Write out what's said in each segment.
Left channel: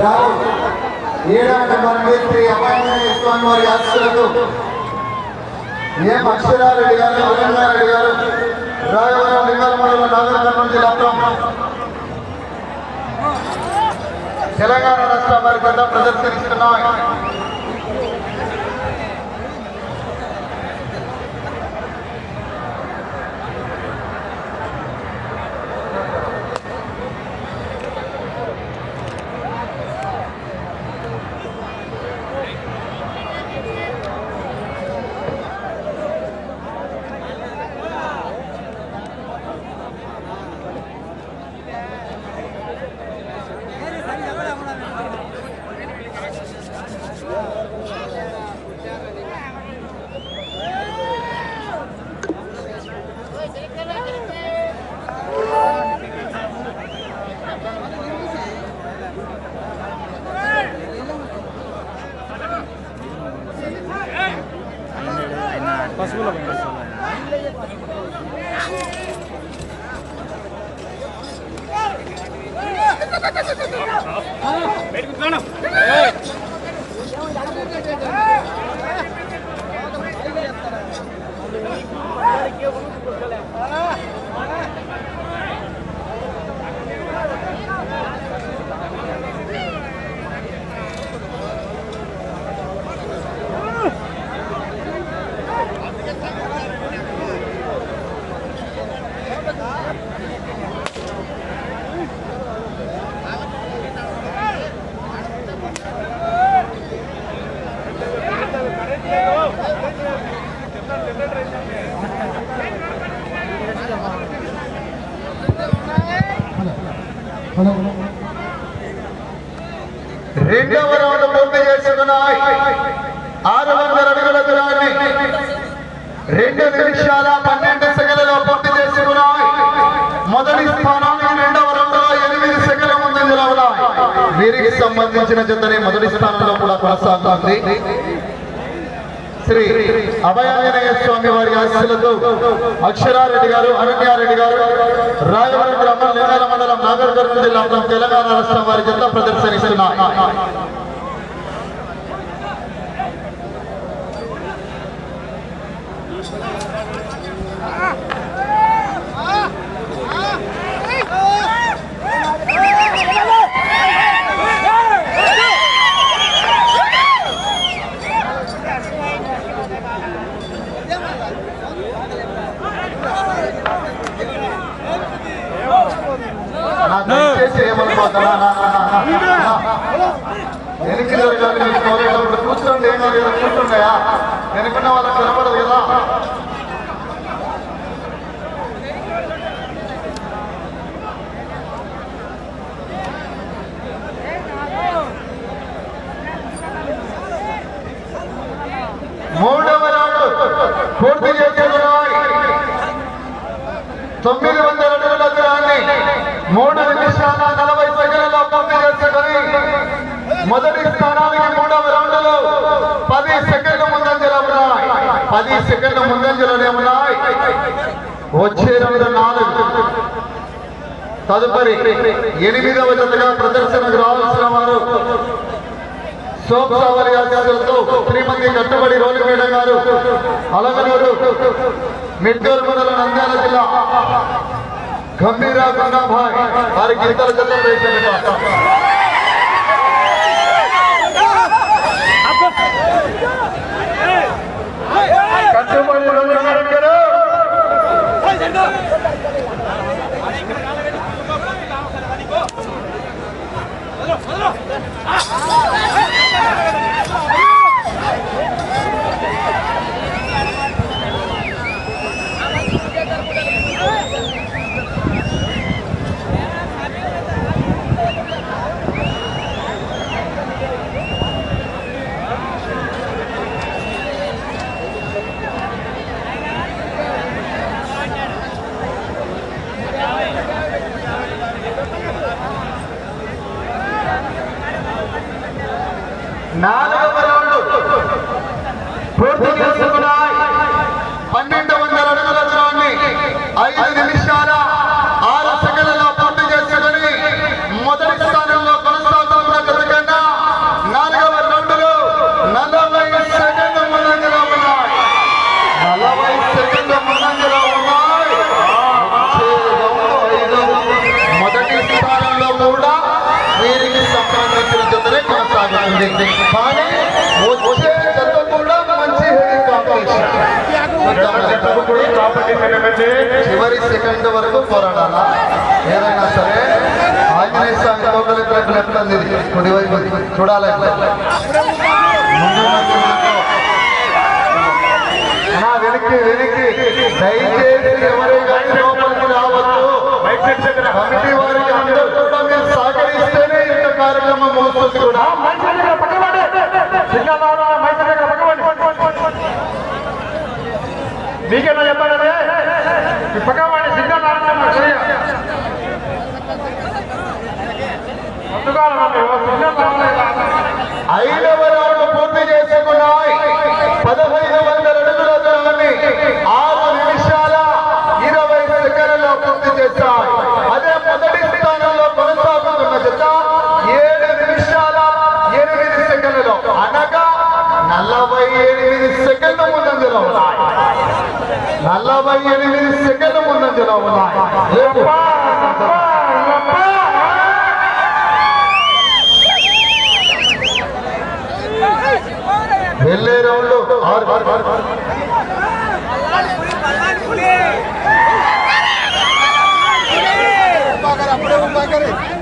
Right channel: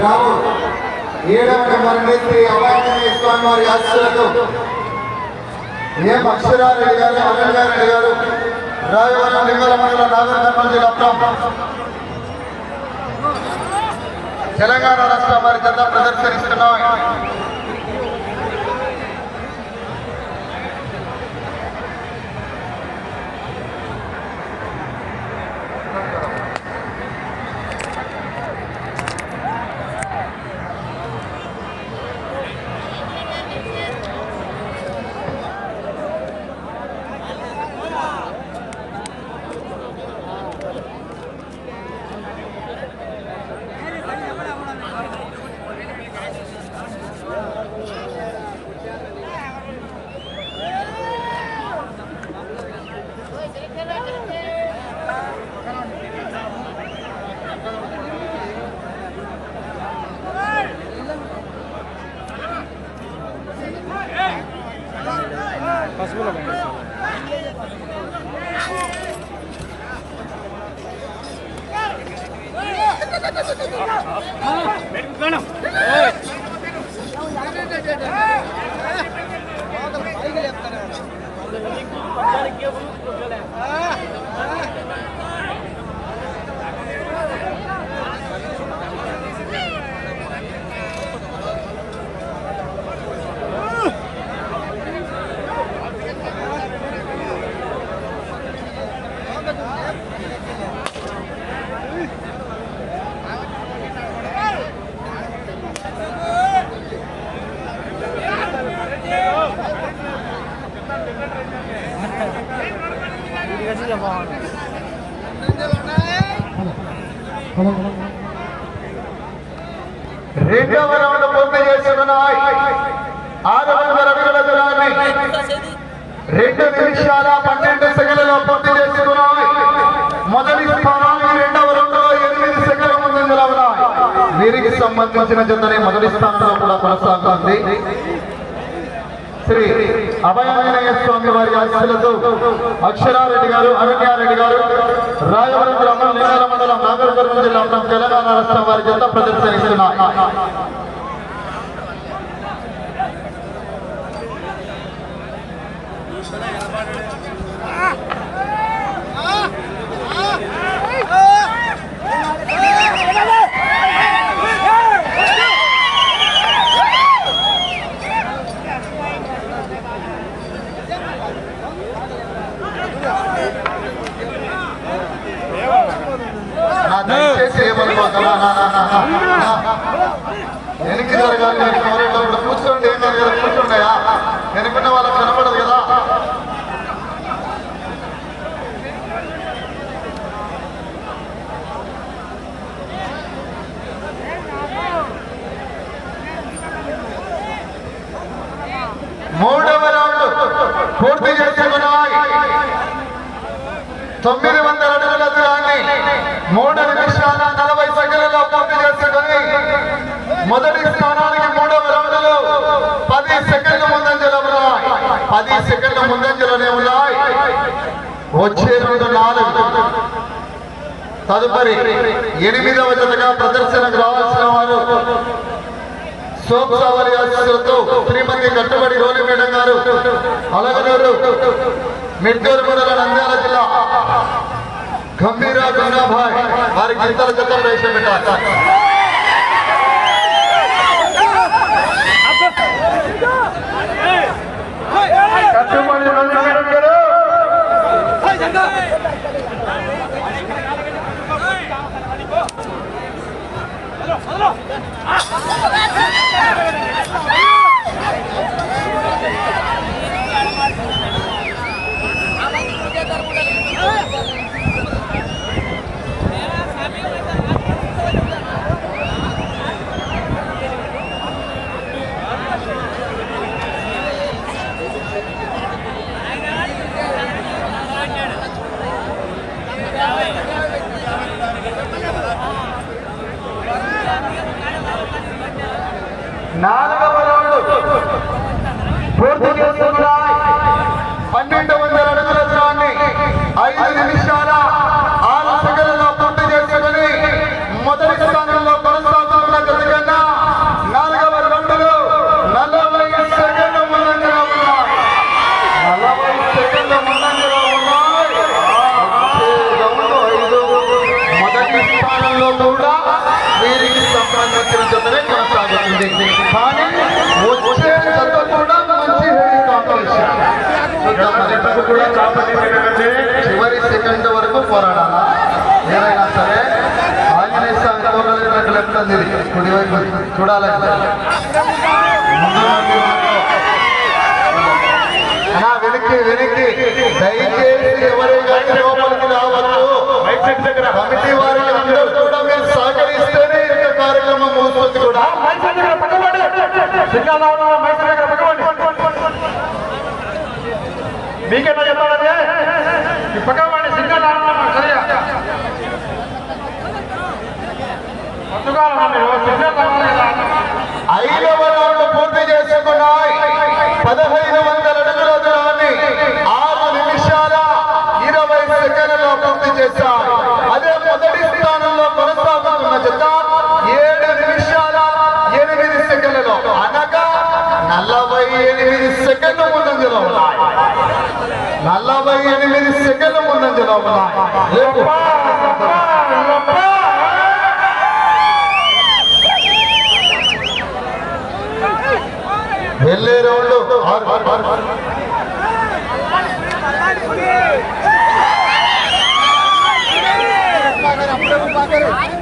రావు ఏడవ నెంబర్ని శ్రీ అభయాంజనేయ స్వామి వారి ఆశీస్సులతో ఏం అక్షరారెడ్డి అడిగారు? అభయంగారెడ్డి గారు అడిగారు. లింగల మండలం నాగరికర్ణం జిల్లా తెలంగాణ రాష్ట్ర వారి కథ ప్రదర్శిస్తున్నాం. వీరికి సంబంధించిన జతనే మొదటి స్థానంలో కూడా కొనసాగుతుంది. శ్రీ అభయాంజనేయ స్వామి వారి ఆశీస్సులతో అక్షరారెడ్డి గారు అనన్యారెడ్డి గారు రాయవరం గ్రామం లింగాల మండలం నాగర్కర్నూలు జిల్లా తెలంగాణ రాష్ట్రం వారి జత ప్రదర్శనిస్తున్నాయి. వెనక్కి జరగాలి, కూర్చోండి ఏమైనా కూర్చోండియా వాళ్ళకి కనపడదు కదా మూడవ రౌండ్ పూర్తి చేసుకున్నాయి తొమ్మిది వందల అడుగుల దూరాన్ని మూడు మొదటి స్థానానికి మూడవ రౌండ్లో పది సెకండ్ల ముందంజలో ఉన్నాయి. పది సెకండ్ల ముందంజలోనే ఉన్నాయి. వచ్చే రెండు నాలుగు. తదుపరి ఎనిమిదవ జతగా ప్రదర్శనకు రావాల్సిన వారు సోమసావరి ఆశీస్సులతో శ్రీమతి కట్టుబడి రోలి గారు అలగనూరు మిట్టూరు మండలం నంద్యాల జిల్లా. గంభీర కన్నాభాయ్ వారికి ఇతర జతలు వేషమిట్టారు కట్టుబడి 아! చివరి సెకండ్ వరకు పోరాడాలా? ఏదైనా సరే ఆంజనేయ స్వామి తోకలకు లెఫ్ట్ అంది కుడివైపు చూడాలి. వెనక్కి వెనక్కి. దయచేసి ఎవరైనా లోపలికి రావద్దు. కమిటీ వారికి అందరూ కూడా మీరు సహకరిస్తేనే ఇంత కార్యక్రమం ముగుస్తుంది కూడా. సెకండ్లలో అదే మొదటి స్థానంలో కొనసాగుతున్న జత ఏడు నిమిషాల ఎనిమిది సెకండ్లలో అనగా నలభై ఎనిమిది సెకండ్ల ముందంజలో ఉన్నాయి. నలభై ఎనిమిది సెకండ్ల ముందంజలో ఉన్నాయి. లేపు. వెళ్ళే రౌండ్. ఆరు. ఆరు ఆరు ఆరు.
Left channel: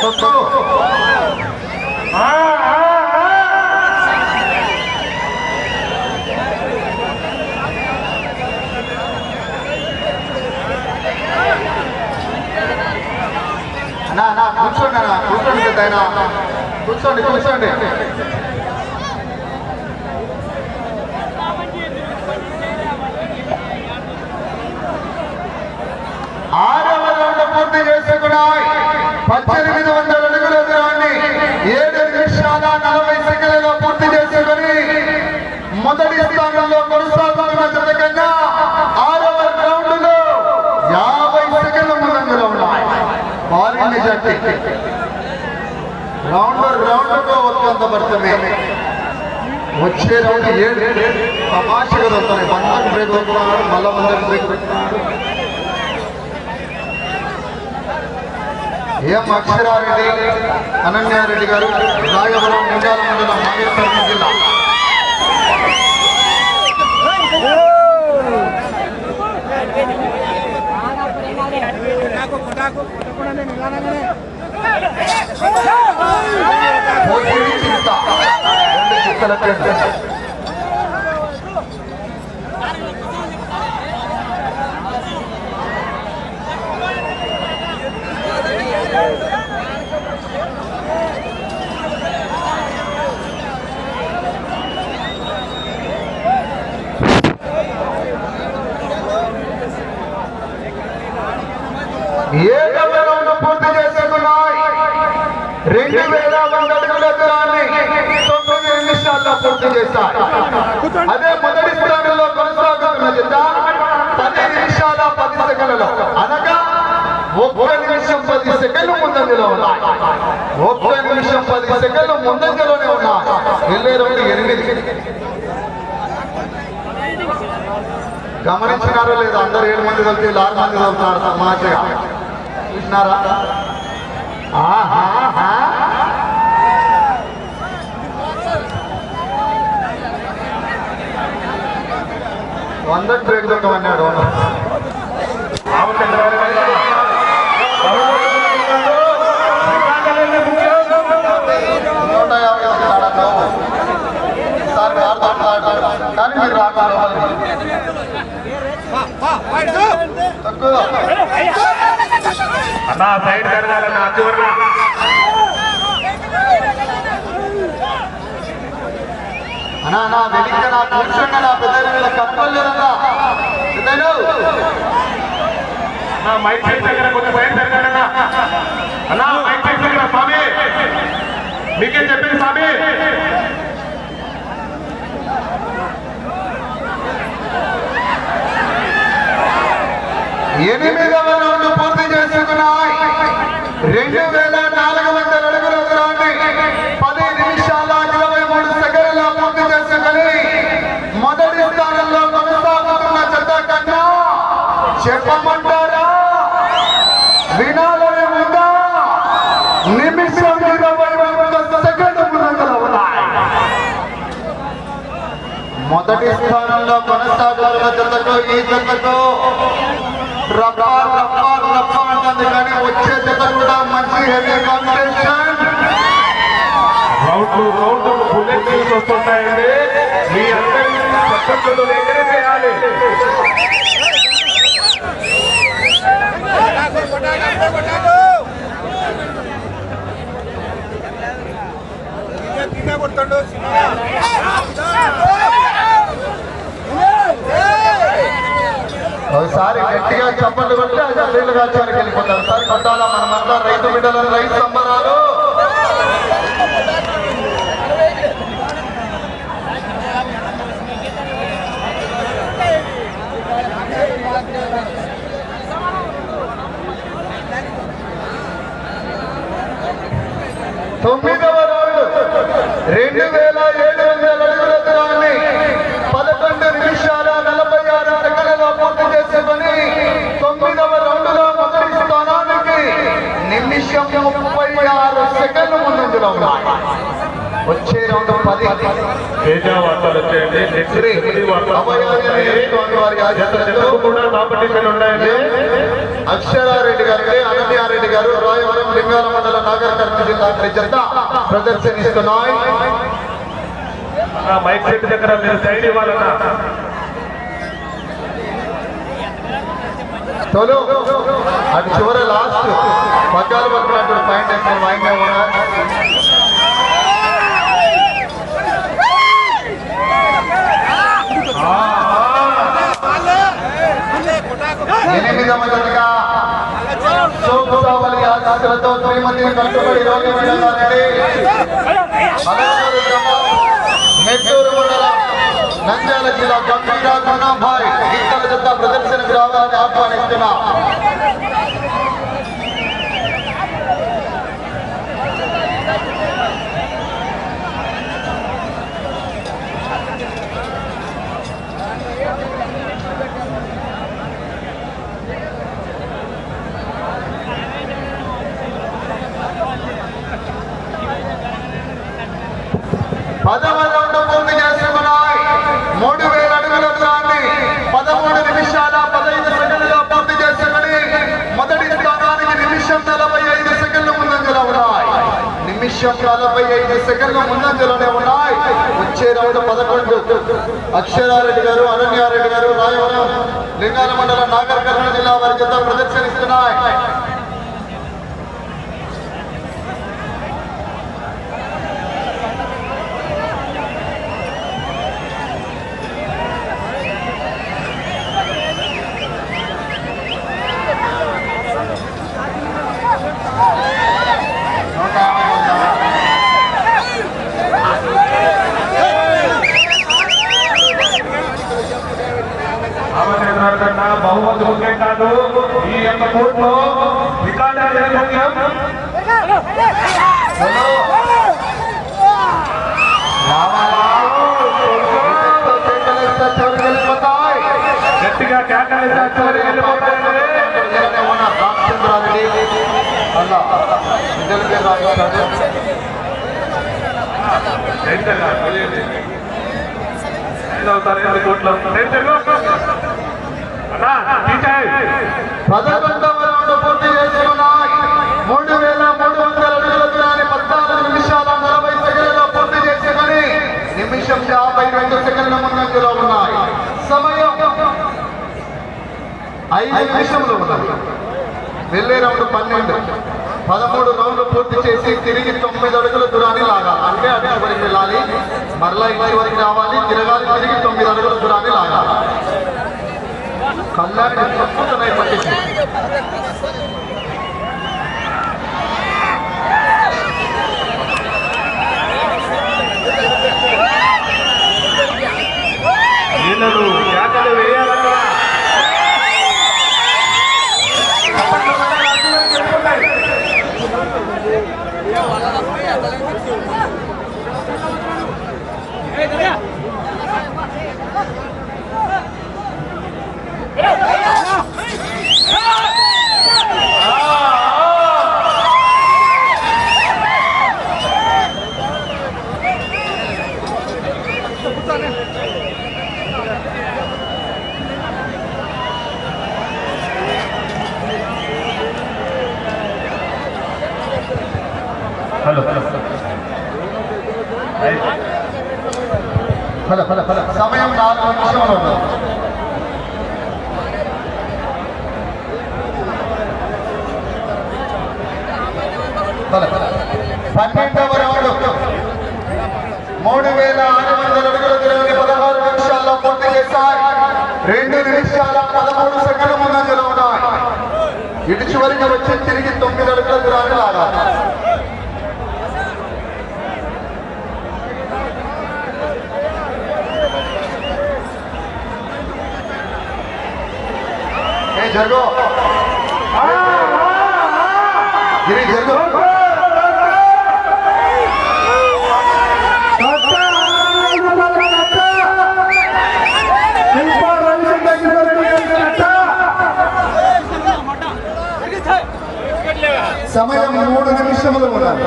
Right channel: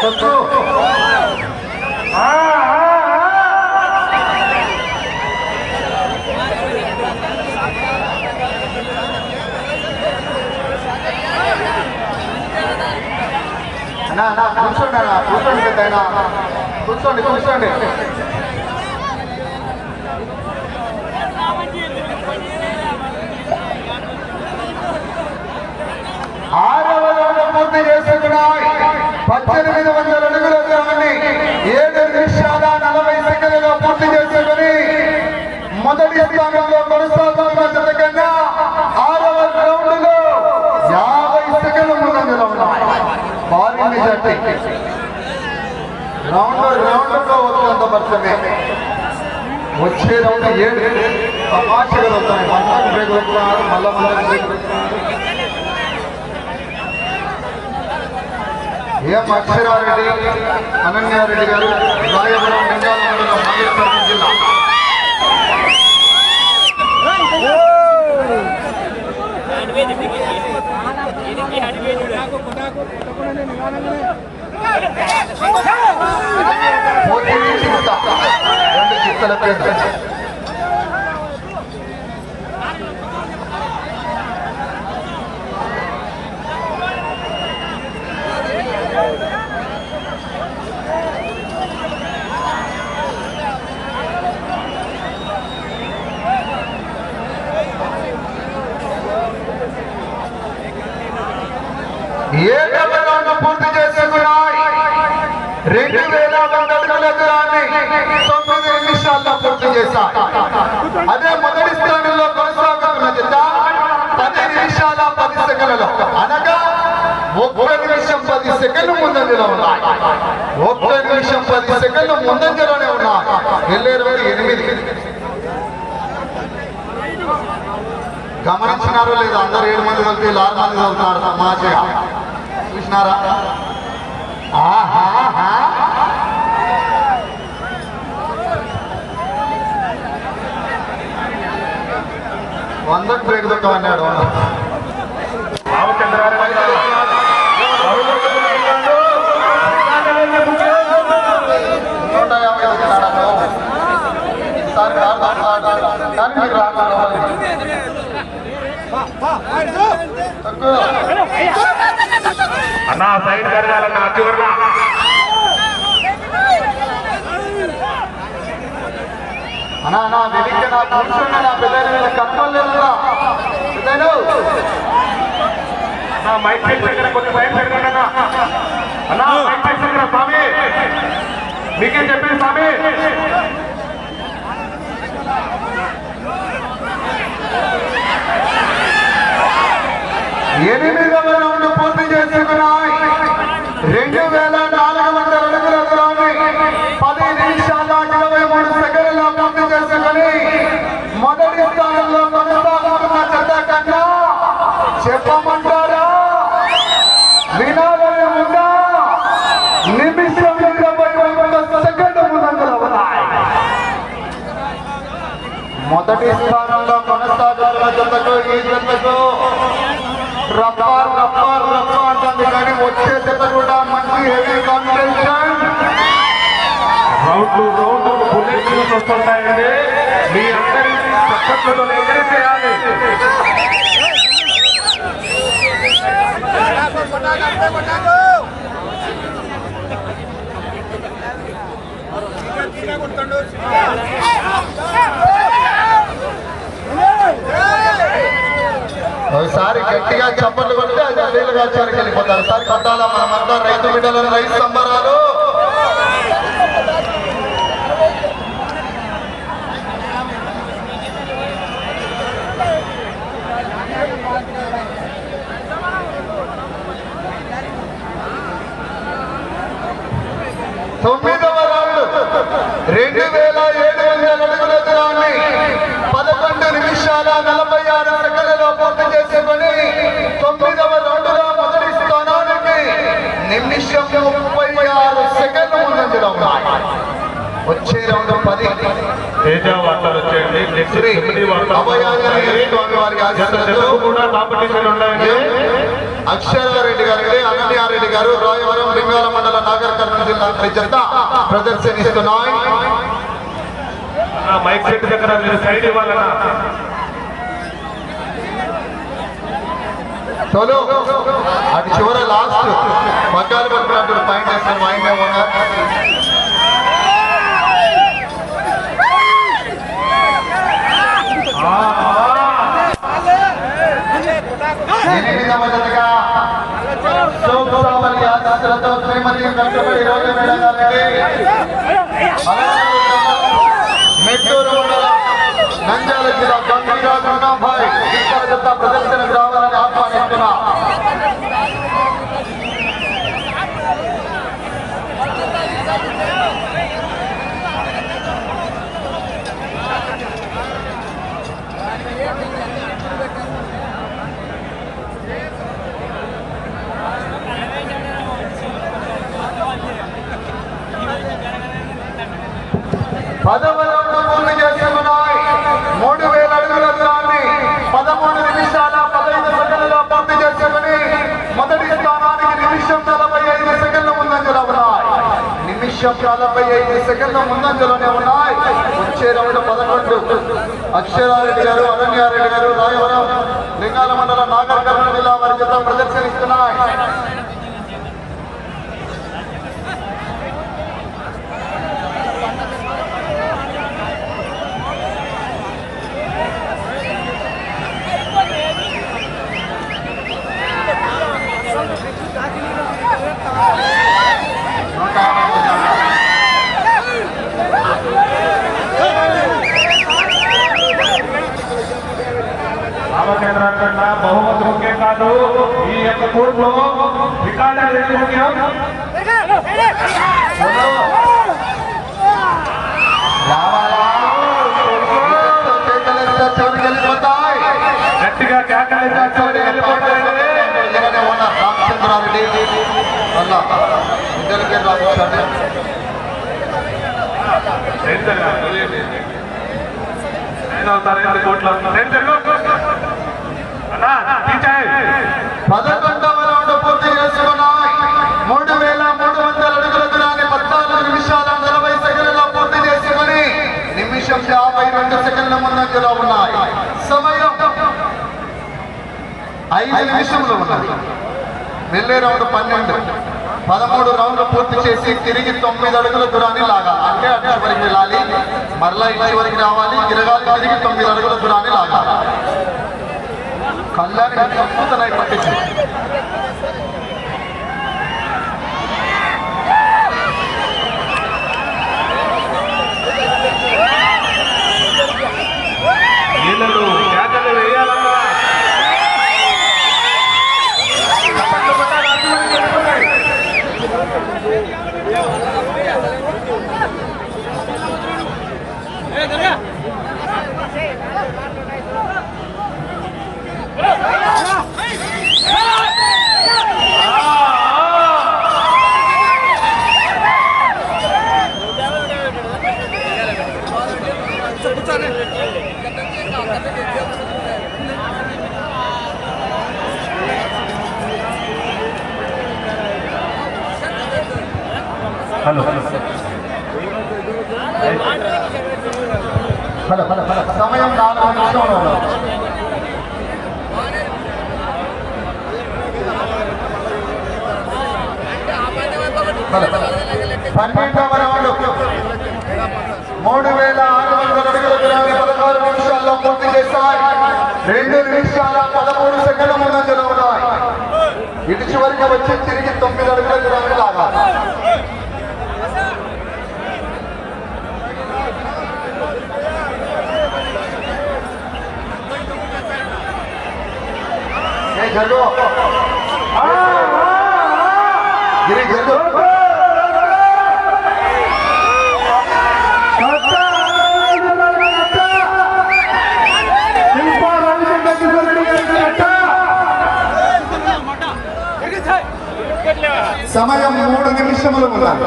కొట్టు. అన్నా అన్నా కూర్చోండి అన్న కూర్చోండి ఆయన. కూర్చోండి కూర్చోండి. ఆరవ రౌండ్ పూర్తి చేసుకున్నాయి. పద్దెనిమిది వందల అడుగుల దూరాన్ని ఏడు నిమిషాల నలభై సెకండ్లలో పూర్తి చేసుకుని మొదటి స్థానంలో కొనసాగుతున్న సందర్భంగా ఆరవ రౌండ్లో యాభై సెకండ్ల ముందంజలో ఉన్నాయి. వారిని మెజార్టీ. రౌండ్ రౌండ్ ఒక్కంత పడుతుంది. వచ్చే రౌండ్ ఏడు. తమాషగా వస్తున్నాయి పంటకు బ్రేక్ కొట్టుకున్నారు మళ్ళా ముందకు బ్రేక్ ఎం అక్షరారెడ్డి అనన్యారెడ్డి గారు రాయవరం లింగాల మండలం మహేశ్వరం జిల్లా. పోటీ చిత్త రెండు ಮೋದಿ ಒಂದು ಚಿಕ್ಕಲಕ್ಕೆ రెండు వెళ్ళే రోజు ఎనిమిది. గమనించినారో లేదా అందరు ఏడు మంది కలిపి లాల్ మంది వెళ్తున్నారు తమాషగా చూసినారా? వందకు బ్రేక్ దొక్కమన్నాడు కానీ మీరు రాకుండా తక్కువ సైడ్ జరగాలన్న అడ్డు వల్ల అన్నా నా నా కూర్చోండి నా పెద్దలు వీళ్ళ కట్టలు లేదన్నా సిద్ధయ్యను. నా మైక్ సెట్ దగ్గర కొంచెం సైడ్ అన్నా మైక్ సెట్ దగ్గర స్వామి. మీకే చెప్పేది స్వామి. ఎనిమిదవ రౌండ్ పూర్తి చేసుకున్నాయి. రెండు వేల నాలుగు వందల అడుగుల దూరాన్ని పది నిమిషాల ఇరవై మూడు సెకండ్ల పూర్తి చేసుకుని మొదటి స్థానంలో కొనసాగుతున్న జత కన్నా చెప్పమంటారా? వినాలని ఉందా? నిమిషం ఇరవై ఒక్క సెకండ్ ముందంజలో ఉన్నాయి. మొదటి స్థానంలో కొనసాగుతున్న జతకు ఈ జతకు రప్ప రప్ప రప్ప అంటుంది కానీ వచ్చే జత కూడా మంచి heavy competition round round bullet news వస్తుంటాయండి మీ అందరి చప్పట్లతో ఎంకరేజ్ చేయాలి ఒకసారి కొట్టి అది వెళ్ళిపోతారు. సార్ కొట్టాలా మనమంతా రైతు బిడ్డలను రైతు సంబరాలు. తొమ్మిదవ రౌండ్. రెండు వేల నిమిషం ముప్పై ఆరు సెకండ్లు ముందంజలో ఉన్నాయి. వచ్చే రౌండ్ పది. అక్షరారెడ్డి గారు అనన్యారెడ్డి గారు రాయవరం లింగాల మండల నాగర్ కర్నూలు జిల్లా జత ప్రదర్శనిస్తున్నాయి. మైక్ సెట్ దగ్గర మీరు సైడ్ ఇవ్వాలన్నా తొలు. అటు చివర లాస్ట్. పట్టుకున్నప్పుడు పాయింట్ వేస్తాను వాయిదా ఉన్నా ఆ, ఎనిమిదవ జతగా ఆశీస్సులతో శ్రీమతి కట్టుబడి మేడం గారి మెట్టూరు మండలం నంద్యాల జిల్లా గంభీర గుణాభాయ్ ఇతర జత ప్రదర్శనకు రావాలని ఆహ్వానిస్తున్నా పదవ రౌండ్ పూర్తి చేసుకున్నాయి మూడు వేల అడుగుల దూరాన్ని పదమూడు నిమిషాల పదహైదు సెకండ్లలో పూర్తి చేసుకుని మొదటి స్థానానికి నిమిషం నలభై ఐదు సెకండ్ల ముందంజలో ఉన్నాయి నిమిషం నలభై ఐదు సెకండ్ల ముందంజలోనే ఉన్నాయి. వచ్చే రౌండ్ పదకొండు. అక్షరారెడ్డి గారు అనన్యారెడ్డి గారు రాయవరం లింగాల మండలం నాగర్ కర్నూలు జిల్లా వారి చేత ప్రదర్శనిస్తున్నాయి. రామచంద్రారు బహుమతి ముఖ్యం కాదు ఈ యొక్క కోర్టులో రికార్డు అనేది ముఖ్యం గట్టిగా కేకలేసేస్తారు వెళ్ళిపోతాయండి. ఇలానే రామచంద్రారెడ్డి అలా రౌండ్ పూర్తి చేసుకున్నాయి మూడు వేల మూడు వందల అడుగుల దూరాన్ని పద్నాలుగు నిమిషాల నలభై సెకండ్లలో పూర్తి చేసుకుని నిమిషం యాభై రెండు సెకండ్ల ముందంజలో ఉన్నాయి సమయం ఐదు నిమిషంలో ఉన్నది వెళ్ళే రౌండ్ పన్నెండు. పదమూడు రౌండ్లు పూర్తి చేసి తిరిగి తొమ్మిది అడుగుల దూరాన్ని లాగాలి. అంటే అటు చివరికి వెళ్ళాలి మరలా ఇటు వరకు రావాలి. తిరగాలి తిరిగి తొమ్మిది అడుగుల దూరాన్ని ಕಲ್ಯಾಣ ಅದ್ಭುತನಾಗಿ ಕೊಟ್ಟಿದ್ದೆ ಎಲ್ಲರೂ ಯಾಕಂದರೆ పన్నెండవ రౌండ్ మూడు వేల ఆరు వందల అడుగుల ఇరవై పదహారు నిమిషాల్లో పూర్తి చేశాయి రెండు నిమిషాల పదమూడు సెకండ్ ముందంజలో ఉన్నాయి ఇటు చివరికి వచ్చి తిరిగి తొమ్మిది అడుగుల దూరాన్ని లాగాలి ఏ జరుగు గిరి జరుగు సమయం మూడు నిమిషములు ఉన్నది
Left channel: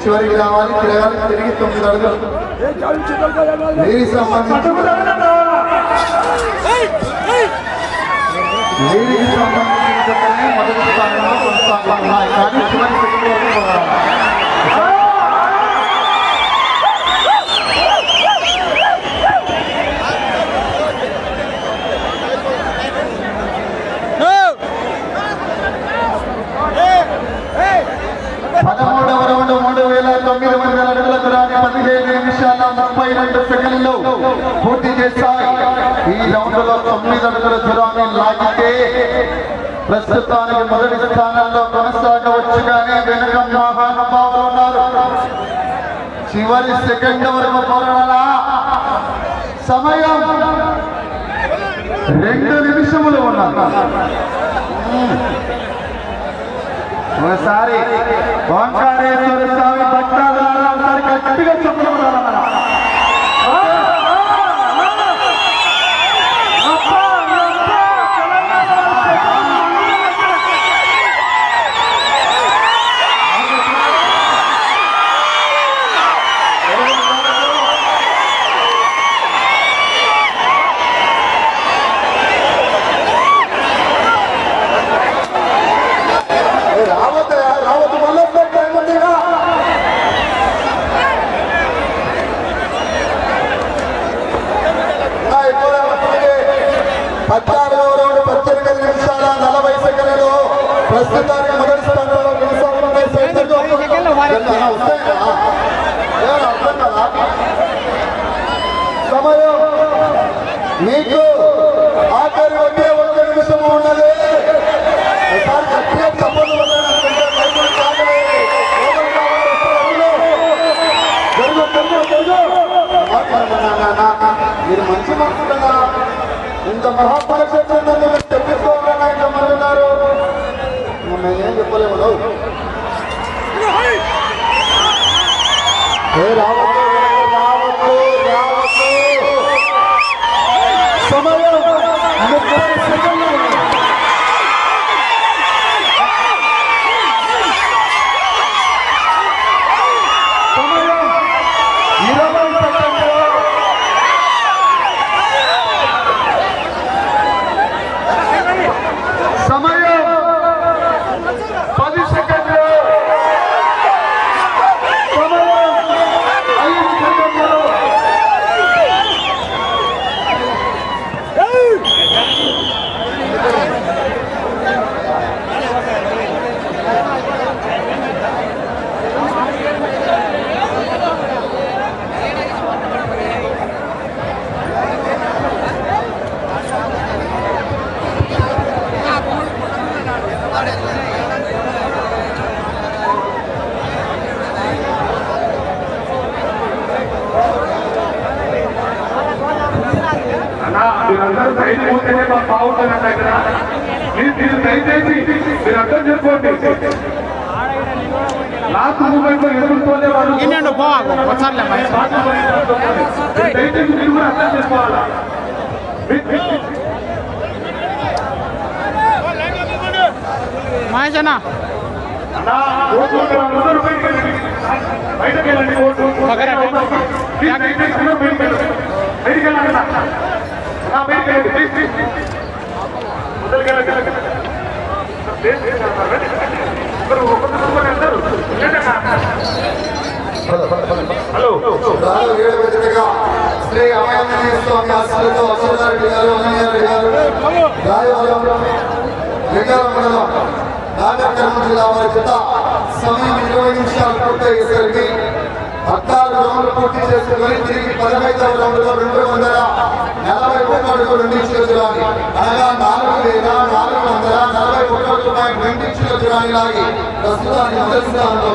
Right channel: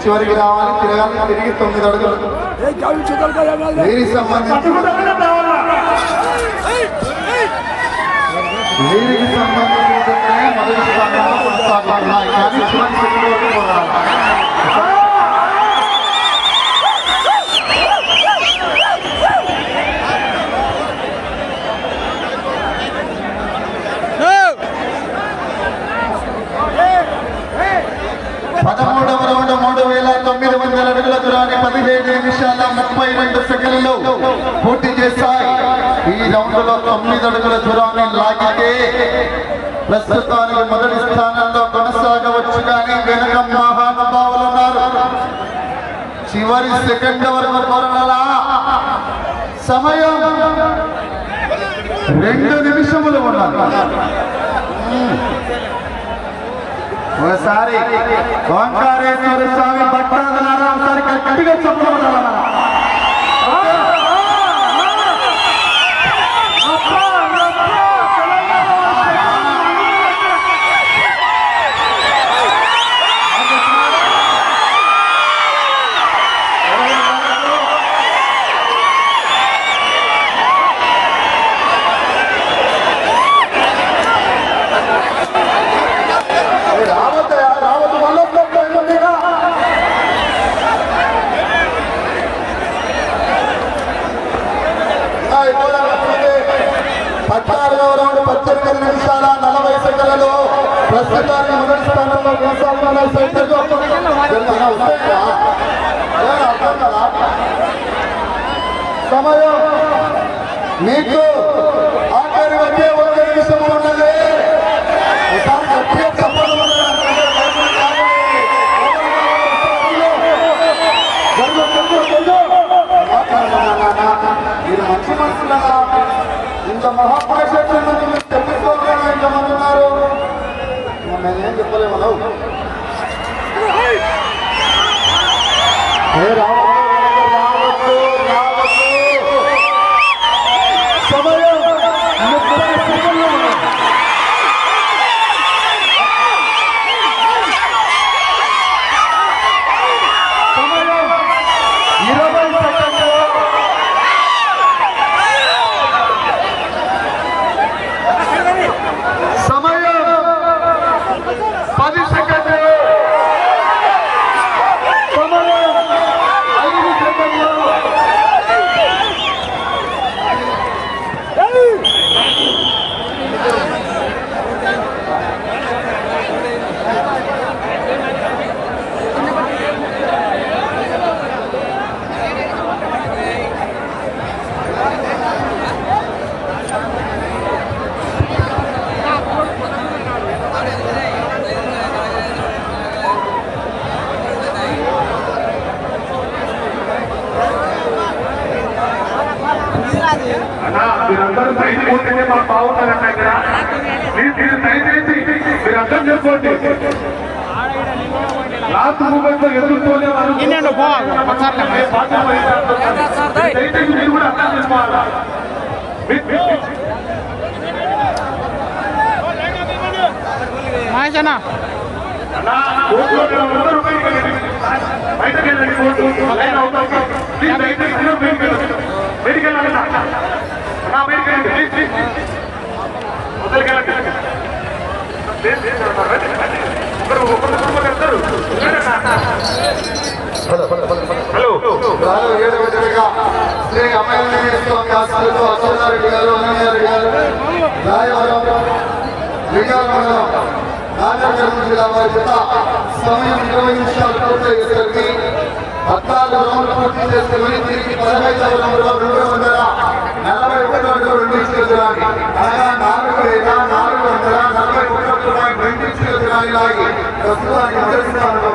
చివరికి రావాలి తిరగాలి తిరిగి తొమ్మిది అడుగులు వీరికి సంబంధించి వీరికి సంబంధించిన మొదటి స్థానంలో కొనసాగుతున్నాయి కానీ చివరి సెకండ్లోకి పోరాడాలి పదమూడవ రౌండ్ మూడు వేల తొమ్మిది వందల అడుగుల దూరాన్ని పదిహేడు నిమిషాల ముప్పై రెండు సెకండ్లలో పూర్తి చేశాయి. ఈ రౌండ్లో తొమ్మిది అడుగుల దూరాన్ని లాగితే ప్రస్తుతానికి మొదటి స్థానంలో కొనసాగవచ్చు కానీ వెనక మహానుభావులు ఉన్నారు. చివరి సెకండ్ వరకు పోరాడాలా? సమయం రెండు నిమిషములు ఉన్నారు ఒకసారి ఓంకారేశ్వర స్వామి భక్తాదులారా ఒకసారి గట్టిగా చెప్పాలి మీకు ఆఖరి వచ్చే ఒక నిమిషం ఉన్నది. ఒకసారి గట్టిగా మీరు మంచి మనసు కదా. ఇంత మహాపురుషులను మీరు తెప్పించుకోకుండా ఎంతమంది ఉన్నారు మమ్మల్ని ఏం చెప్పలేము ఏ రావద్దు ముప్పై సెకండ్లు ఉంది. సమయం ఇరవై సెకండ్లు సమయం పది సెకండ్లు సమయం ఐదు సెకండ్లు అందరూ సైడ్ ఉంటేనే మాకు బాగుంటుంది అక్కడ మీరు మీరు దయచేసి మీరు అర్థం చేసుకోండి లాస్ట్ మూమెంట్లో ఎదుర్కొనే వాళ్ళు ఇన్నండు పోవాకు వచ్చారులే మహేష్ అన్న. అన్నా, ఓట్లు హలో శ్రీ స్వామి ఆశీస్సులతో అచ్చెన్నారెడ్డి గారు అన్నయ్యారెడ్డి గారు రాయవరం లింగాల మండలం జిల్లా వారి చేత సమయం ఇరవై నిమిషాలు పూర్తయ్యేసరికి పద్నాలుగు రౌండ్లు పూర్తి చేసుకుని తిరిగి పదహైదవ రౌండ్లో రెండు వందల నలభై ఒకటి రెండు అనగా నాలుగు లేదా నాలుగు వందల నలభై ఒకటి పాయింట్ రెండు లాగి మొదటి స్థానంలో